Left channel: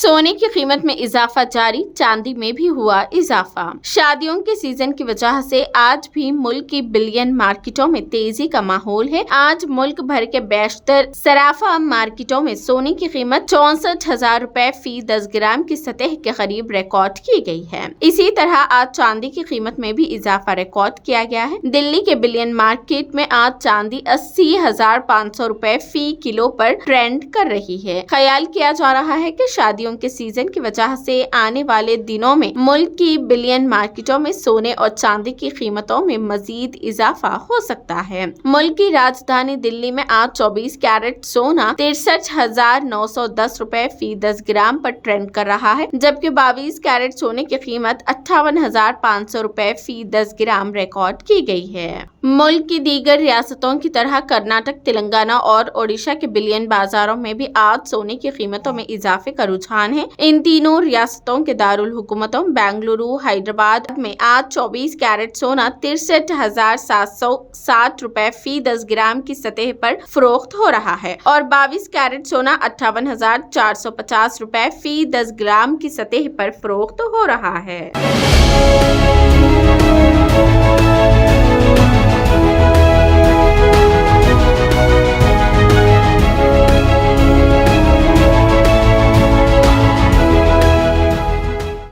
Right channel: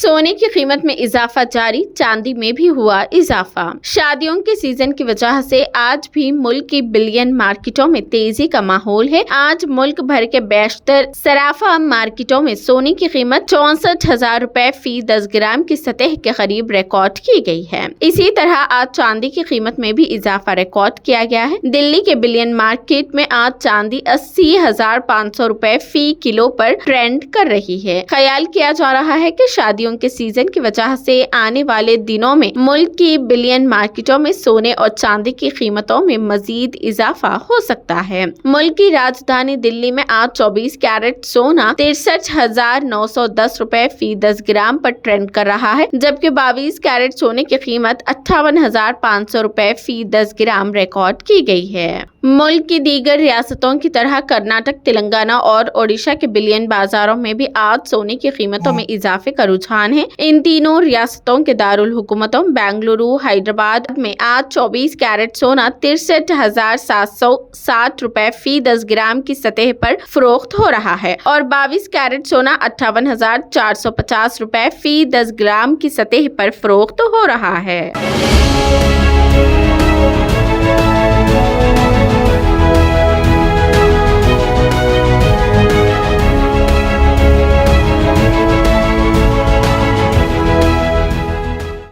सोने की कीमत में इजाफा जारी, चांदी में भी हुआ इजाफा। शादियों के सीजन की वजह से आज भी मुल्क की बिलियन मार्केटों में तेजी का माहौल है। आज मुल्क भर के बेशतर सराफा मार्केटों में सोने की कीमत 64,000 रुपए फी 10 ग्राम की सतह के करीब रिकॉर्ड की गई है। इसी तरह आज चांदी की कीमत में भी इजाफा रिकॉर्ड किया गया है। दिल्ली के बिलियन मार्केट में आज चांदी 80,500 रुपए फी किलो पर ट्रेंड कर रही है। ख्याल किया जा रहा है कि शादियों के सीजन की वजह से आने वाले दिनों में मुल्क की बिलियन मार्केटों में सोने और चांदी की कीमतों में मजीद इजाफा हो सकता है। मुल्क की राजधानी दिल्ली में आज 24 कैरेट सोना 63,910 रुपए फी 10 ग्राम पर ट्रेंड कर रहा है, जबकि 22 कैरेट सोने की कीमत 58,500 रुपए फी 10 ग्राम रिकॉर्ड की गई है। मुल्क की दीगर रियासतों की तरह कर्नाटक, तेलंगाना और ओडिशा के बिलियन बाजारों में भी आज सोने की कीमतों में इजाफे का रुझान है। इन तीनों रियासतों के दारुल हुकूमतों बेंगलुरु, हैदराबाद में आज 24 कैरेट सोना 63,760 रुपए फी 10 ग्राम की सतह पर फरोख्त हो रहा है और 22 कैरेट सोना 58,450 रुपए फी 10 ग्राम की सतह पर फरोख्त हो रहा है।